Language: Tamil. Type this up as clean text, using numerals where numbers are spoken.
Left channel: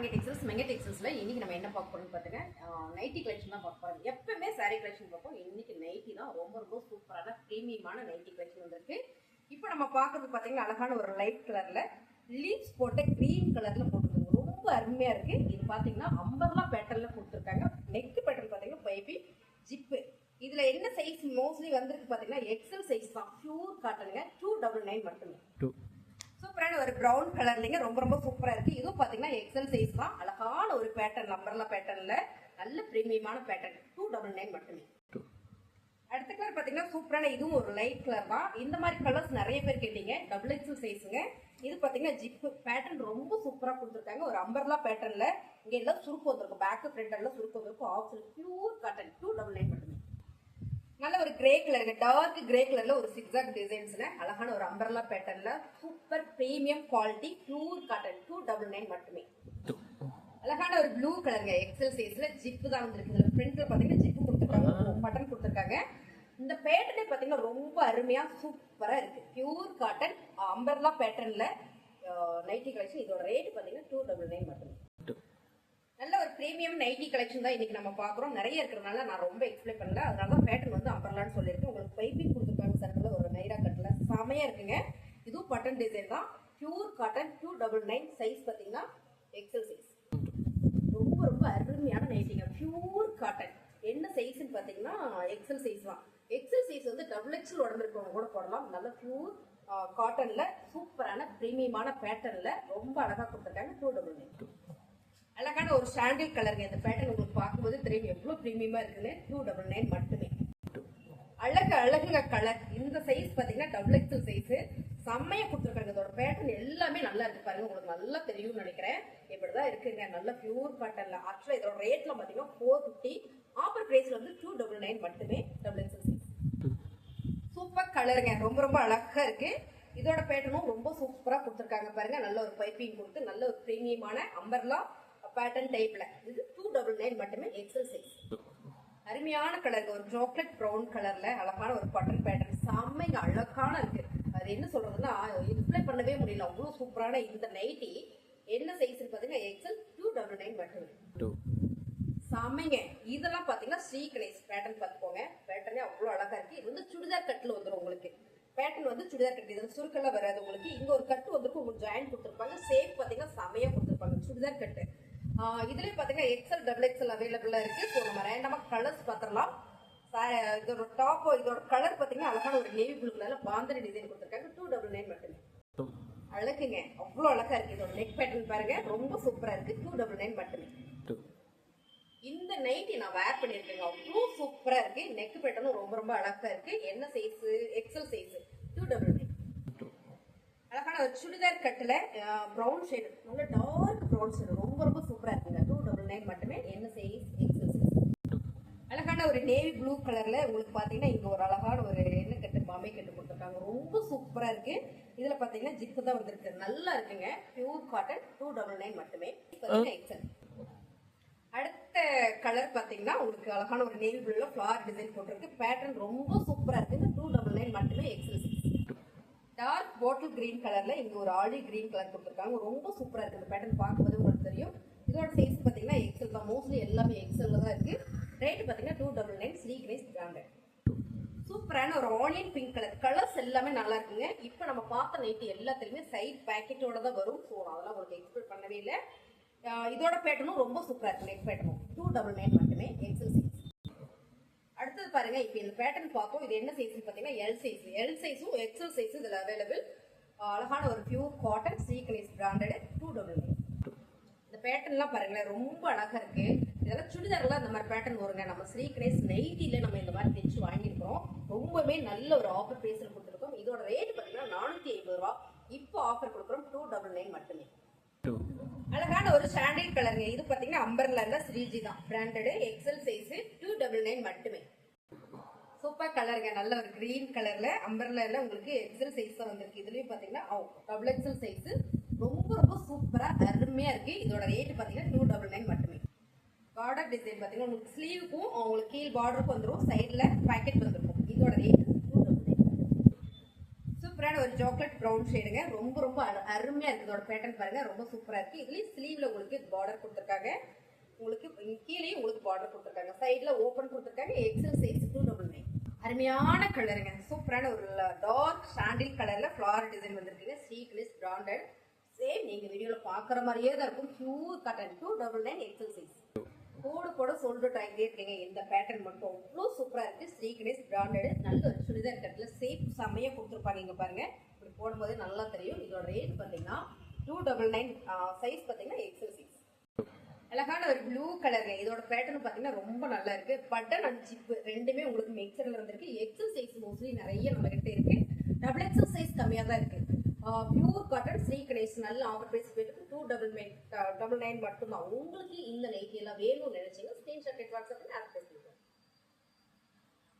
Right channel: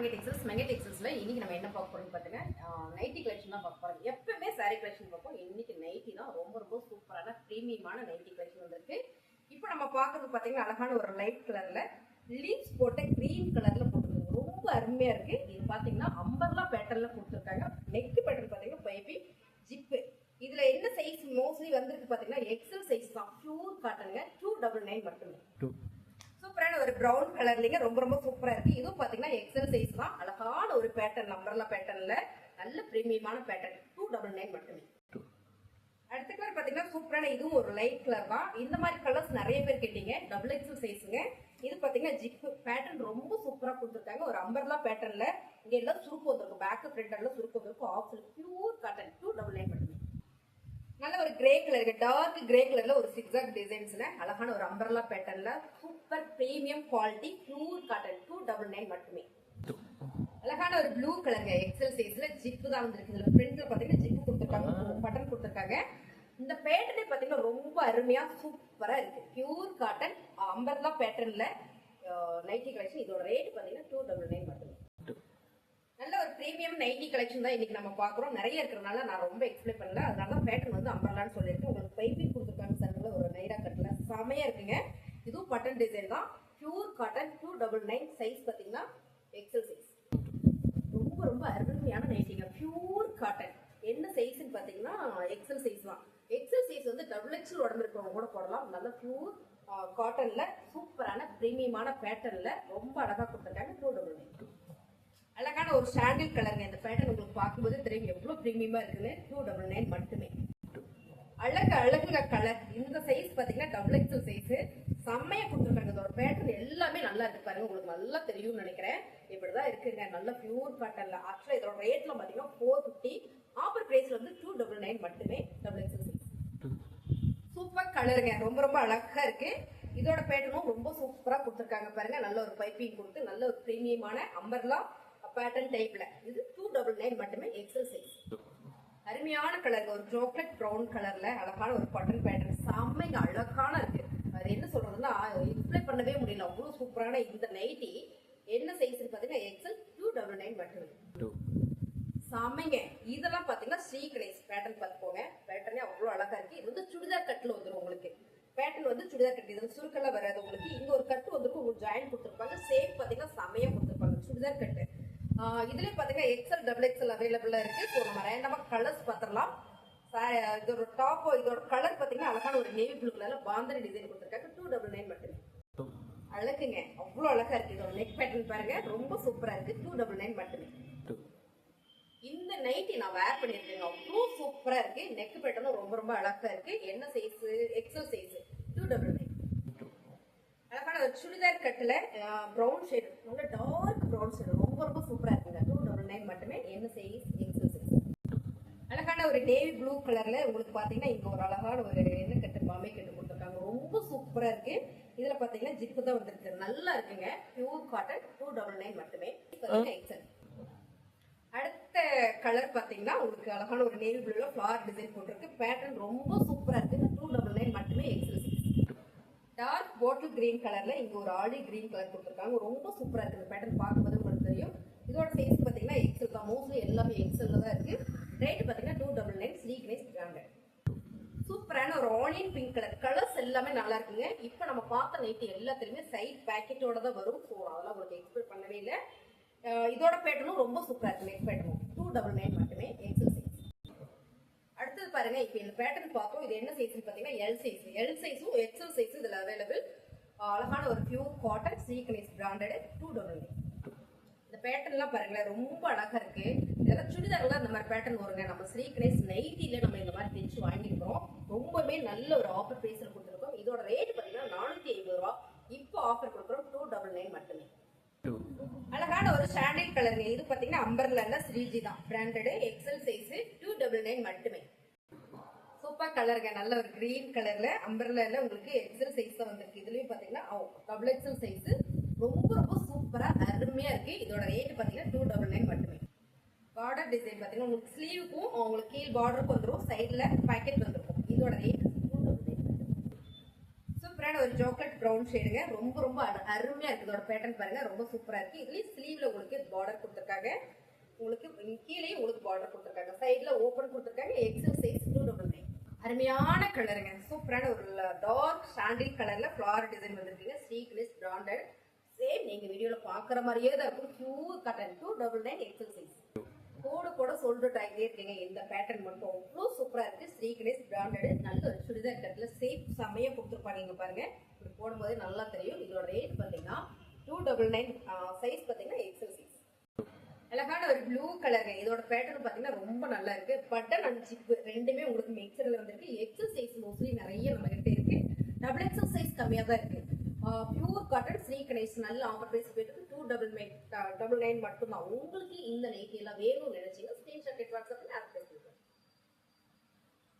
மங்கை டெக்ஸ்டைல்ஸ்ல இன்னைக்கு நம்ம என்ன பார்க்க போறோம்னு பாத்துங்க, நைட்டி கலெக்ஷன் தான் பார்க்க போறோம். எப்பவுமே சாரி கலெக்ஷன் பார்ப்போம். இன்னைக்கு நைட்டி தான் ரொம்ப சூப்பரான பிரீமியமான நைட்டி கலெக்ஷன் வந்திருக்கு. இப்போ நம்ம பார்க்கறது பாத்தீங்கன்னா அழகான ஒரு லைட் கலர்ல லீவ்ஸ் போட்ட கிரீம் கலர்ல போட்டுருக்காங்க. ரொம்ப அருமையா இருக்கு. இது பாத்தீங்கன்னா அம்பர்லா பேட்டர்ன்ல கொடுத்துருக்காங்க. நெக் பேட்டர்ன் பாத்தீங்கன்னா பைப்பி ஜிப்பு. இதுல என்ன சைஸ் மோஸ்ட்லி வந்திருக்கு பாத்தீங்கன்னா எக்ஸல் சைஸ் தான். பியூர் காட்டனுங்க. 299 மட்டுமே. சூப்பரான ஒரு பிரவுன் கலர்லங்க ரொம்ப சூப்பரா இருக்கு. இதுவும் பாத்தீங்கன்னா எக்ஸல் சைஸ் தான். அழகான ஒரு பேட்டர்ன் அம்பர்லா பேட்டர்ன்ல நல்ல பிரீமியமான பேட்டர்ன். 299 மட்டுமே. அடுத்த கலர் பாத்தீங்கன்னா சூப்பரான இதுவும் ஒரு லைட் கலர் தான். இந்த மாதிரி கலர்ஸ் நிறைய பேர் கேட்டீங்க. Double XL சைஸுங்க. இது பாத்தீங்கன்னா ஜிப் பேட்டர்ன் ரொம்ப சூப்பரா கொடுத்துருக்காங்க. ஒரு அம்பர்லா பேட்டர்ன்ல இங்க எல்லாம் சுருக்கு வந்திருக்கும். பேக் ஃப்ரண்ட் எல்லாம் சுருக்கு வந்திருக்கும். Of pure cotton. 299 மட்டுமே. நல்ல ஒரு கிரே கலருக்கு டார்க் கிரே கலர்ல ஒரு சிக்ஸாக் டிசைன்ஸ்ல அழகான ஒரு அம்பர்லா பேட்டர்ன்ல super premium quality pure cotton. 299 மட்டுமே. அழகான ஒரு ப்ளூ கலருங்க. எக்ஸல் சைஸ்ல ஜிப்பு தான் வந்திருக்கு. இதுல ஃப்ரண்ட்ல பாத்தீங்கன்னா ஜிப்பு கொடுத்துருக்காங்க, பட்டன் கொடுத்துருக்காங்க. இந்த பேட்டர்னே பாத்தீங்கன்னா ரொம்ப அருமையா சூப்பரா இருக்கு. பியூர் காட்டன் அம்பர்லா பேட்டர்ன்ல நைட்டி கலெக்ஷன். இதோட ரேட் பாத்தீங்கன்னா 299 மட்டுமே. நல்ல ஒரு பிரீமியம் நைட்டி கலெக்ஷன் தான் இன்னைக்கு நம்ம பாக்குறோம். நிறைய இருக்கிறதுனால நான் ரொம்ப எக்ஸ்பிளைன் பண்ணல. அதனால தான் பேட்டர்ன் வந்து அம்பர்லான்னு சொல்லிட்டு உங்களுக்கு பைப்பிங் கொடுத்துருக்காங்க. சர்க்கிள் ஒரு நைரா கட்ல செமையா இருக்குங்க. இதுவும் பட்டன் டிசைன் தான். Pure cotton. 299 சைஸ் பாத்தீங்கன்னா எக்ஸல் சைஸ். ரொம்ப அருமையான நைட்டிங்க. Pure cotton. என்ன சைஸ்ன்னு பாத்தீங்கன்னா எக்ஸல் சைஸ் தான். எக்ஸல் சைஸ் வந்து டபுள் எக்ஸல் உடம்பு இருக்கவங்க கூட போடலாம். நல்ல பியூர் காட்டன்ல சூப்பரான பிரீமியமான பேட்டர்ன்ல ரொம்ப அழகா கொடுத்துருக்காங்க. 299. அழகான ஒரு சாண்டில் கலருங்க. இந்த பேட்டர்ன் உங்களுக்கு பார்க்கும்போது தெரியும் எவ்வளவு பிரீமியமா இருக்குன்னு. 299 மட்டுமே. அழகுங்க கலர். இந்த சைஸ் பாத்தீங்கன்னா டபுள் எக்ஸல் சைஸ். செம்மையா கொடுத்துருக்காங்க. இதோட பேட்டர்ன் எல்லாமே நல்லா இருக்கு பாருங்க. உங்களுக்கு நல்லா தெரியும்னு நினைக்கிறேன். இப்படிதான் இருக்குங்க. நல்ல பியூர் காட்டன்ல. ஆக்சுவலா இதோட ரேட்ல பாத்தீங்கன்னா 450. ஆஃபர் பிரைஸ்ல வந்து 299 மட்டுமே. Double XL size. சூப்பர் கலருங்க. ரொம்ப அழகா இருக்கு. இதோட பேட்டர்னும் ரொம்ப சூப்பரா கொடுத்துருக்காங்க பாருங்க. நல்ல ஒரு பைப்பிங் கொடுத்து நல்ல ஒரு பிரீமியமான அம்பர்லா பேட்டர்ன் டைப்ல. இது 299 மட்டுமே. XL size. அருமையான கலர். ஒரு சாக்லேட் பிரவுன் கலர்ல அழகான ஒரு பட்டன் பேட்டர்ன். செம்மைங்க அழகான இருக்கு. அது என்ன சொல்றதுன்னா டிஸ்பிளே பண்ணவே முடியல. அவ்வளவு சூப்பரான இந்த நைட்டி என்ன சைஸ் பாத்தீங்கன்னா எக்ஸல். 299 மட்டுமே. செம்மைங்க. இதெல்லாம் பாத்தீங்கன்னா ஸ்ரீ கணேஷ் பேட்டர்ன் பார்த்துக்கோங்க. பேட்டர்னே அவ்வளவு அழகா இருக்கு. இது வந்து சுடிதார் கட்ல வந்துடும் உங்களுக்கு. பேட்டர்ன் வந்து சுடிதார் கட். இதுல சுருக்கெல்லாம் வராது உங்களுக்கு. இங்க ஒரு கட்டு வந்து உங்களுக்கு ஜாயின் கொடுத்துருப்பாங்க. சேஃப் பாத்தீங்கன்னா செமையா கொடுத்துருப்பாங்க. சுடிதார் கட்டு. இதுலயே பாத்தீங்கன்னா எக்ஸல் டபுள் எக்ஸல் அவைலபிளா இருக்கு. ஸோ நம்ம ரேண்டமா கலர்ஸ் பார்த்துடலாம். இதோட டாப் இதோட கலர் பாத்தீங்கன்னா அழகான ஒரு நேவி ப்ளூ கலர்ல பாந்தரி டிசைன் கொடுத்துருக்காங்க. 299 மட்டுமே. அழகுங்க. அவ்வளவு அழகா இருக்கு. இதோட நெக் பேட்டர்ன் பாருங்க. ரொம்ப சூப்பரா இருக்கு. 299 மட்டுமே. இந்த நைட்டி நான் வேர் பண்ணிருக்கேங்க. அவ்வளவு சூப்பரா இருக்கு. நெக் பேட்டர்னும் ரொம்ப அழகா இருக்கு. என்ன சைஸ்? XL size. 299. அழகான ஒரு சுடிதார் கட்டுல ப்ரௌன் ஷேடு. நல்ல டார்க் ப்ரௌன் ஷேடு. ரொம்ப சூப்பரா இருக்குங்க. 299 மட்டுமே. என்ன சைஸ்? XL size. அழகான ஒரு நேவி ப்ளூ கலர்ல உங்களுக்கு பாத்தீங்கன்னா இங்க ஒரு அழகான ஒரு என்ன கட்டு மாமை கட்டு கொடுத்துருக்காங்க. ரொம்ப சூப்பரா இருக்கு. இதுல பாத்தீங்கன்னா ஜிப்பு தான் வந்திருக்கு. நல்லா இருக்குங்க. Pure cotton. 299 மட்டுமே. எக்ஸல். அடுத்த கலர் பாத்தீங்கன்னா உங்களுக்கு அழகான ஒரு நேவி ப்ளூல ஃபிளவர் டிசைன் போட்டிருக்கு. பேட்டர்ன் ரொம்ப சூப்பரா இருக்கு. 299 மட்டுமே. XL size. Dark bottle green கலர்ல இங்க ஒரு ஆலிவ் கிரீன் கலர் கொடுத்துருக்காங்க. ரொம்ப சூப்பரா இருக்கு. இந்த பேட்டர்ன் பார்க்கும்போது உங்களுக்கு தெரியும். இதோட சைஸ் பாத்தீங்கன்னா எக்ஸல் தான். மோஸ்ட்லி எல்லாமே எக்ஸல்ல தான் இருக்கு. ரேட் பாத்தீங்கன்னா 299. ஸ்ரீ கணேஷ் பிராண்டட். சூப்பரான ஒரு ஆனியன் பிங்க் கலர். கலர்ஸ் எல்லாமே நல்லா இருக்குங்க. இப்போ நம்ம பார்த்த நைட்டி எல்லாத்துலயுமே சைட் பேக்கெட்டோட தான் வரும். ஸோ அதெல்லாம் உங்களுக்கு எக்ஸ்பெக்ட் பண்ணவே இல்லை. இதோட பேட்டர்னும் ரொம்ப சூப்பரா இருக்கு. நெக் பேட்டர்னும் 299 மட்டுமே. XL size. அடுத்தது பாருங்க. இப்போ இந்த பேட்டர்ன் பார்ப்போம். இது என்ன சைஸ் பாத்தீங்கன்னா எல் சைஸ். எல் சைஸும் எக்ஸல் சைஸும் இதுல அவைலபிள். அழகான ஒரு pure cotton. Sri Ganesh branded. 299. இந்த பேட்டர்ன்லாம் பாருங்களேன். ரொம்ப அழகா இருக்கு. இதெல்லாம் சுடிதார்லாம் இந்த மாதிரி பேட்டர்ன் வருங்க. நம்ம ஸ்ரீ கணேஷ் நைட்டில நம்ம இந்த மாதிரி தைச்சு வாங்கியிருக்கிறோம். ரொம்பவே நல்ல ஒரு ஆஃபர் பிரைஸ்ல கொடுத்துருக்கோம். இதோட ரேட் பாத்தீங்கன்னா 450 ரூபா. இப்போ ஆஃபர் கொடுக்குறோம். 299 மட்டுமே. அழகான ஒரு சாண்டில் கலருங்க. இது பாத்தீங்கன்னா அம்பர்லால ஸ்ரீஜி தான் பிராண்டட். XL size. 299 மட்டுமே. சூப்பர் கலருங்க. நல்ல ஒரு கிரீன் கலர்ல அம்பர்லால உங்களுக்கு எக்ஸல் சைஸ் தான் வந்திருக்கு. இதுலயும் பாத்தீங்கன்னா டபுள் எக்ஸல் சைஸ். ரொம்ப சூப்பரா அருமையா இருக்கு. இதோட ரேட் பாத்தீங்கன்னா 299 மட்டுமே. பார்டர் டிசைன் பாத்தீங்கன்னா உங்களுக்கு ஸ்லீவுக்கும் உங்களுக்கு கீழ் பார்டருக்கும் வந்துடும். சைட்ல பாக்கெட் வந்துருக்கும். இதோட ரேட் 299. சூப்பரான ஒரு சாக்லேட் ப்ரௌன் ஷேடுங்க. ரொம்ப அருமையா இருக்கு. இதோட பேட்டர்ன் பாருங்க. ரொம்ப சூப்பரா இருக்கு. இதுலயும் ஸ்லீவ்ல உங்களுக்கு பார்டர் பார்டர் கொடுத்துருக்காங்க. உங்களுக்கு கீழே உங்களுக்கு பார்டர் கொடுத்துருக்காங்க. சைடில் ஓப்பன் கொடுத்துருக்காங்க. XL size 299. அருமையான கலருங்க. சூப்பரான ஒரு டார்க் சாண்டில் கலர்ல ஃப்ளார் டிசைன் வந்திருக்குங்க. Sleeveless branded. சேம் நீங்க வீடியோல பாக்குற மாதிரியே தான் இருக்கும். Pure cotton 299 XL size. கோடு கூட சொல்லிட்டு ஆகிட்டே இருக்கீங்க. இந்த பேட்டர்ன் மட்டும் அவ்வளோ சூப்பரா இருக்கு. ஸ்ரீகணேஷ் பிராண்டட். நல்ல ஒரு சுடிதார் கட்டில சேஃப் செம்மையா கொடுத்துருப்பாங்க. இங்க பாருங்க, இப்படி போடும்போது நல்லா தெரியும். இதோட ரேட் பார்த்தீங்கன்னா 299. சைஸ் பார்த்தீங்கன்னா எக்ஸல் சைஸ். அழகான ஒரு ப்ளூ கலருங்க. இதோட பேட்டர்ன் பார்த்தீங்கன்னா ரொம்ப நல்லா இருக்கு. பட்டன் அண்ட் ஜிப் ரெண்டுமே உங்களுக்கு மிக்சர்ல வந்திருக்கு. எக்ஸல் சைஸ் மோஸ்ட்லி நிறைய நம்ம கிட்ட இருக்கு. டபுள் எக்ஸல் சைஸ் கம்மியா தான் இருக்கு. பியூர் காட்டன் ஸ்ரீகணேஷ் நல்ல ஆஃபர் பிரைஸ் போயிட்டு 299 மட்டும்தான். உங்களுக்கு இந்த நைட்டி எல்லாம் வேணும்னு நினைச்சீங்கன்னா ஸ்கிரீன்ஷாட் எடுத்து வாட்ஸ்அப்ல ஆட் பண்ணி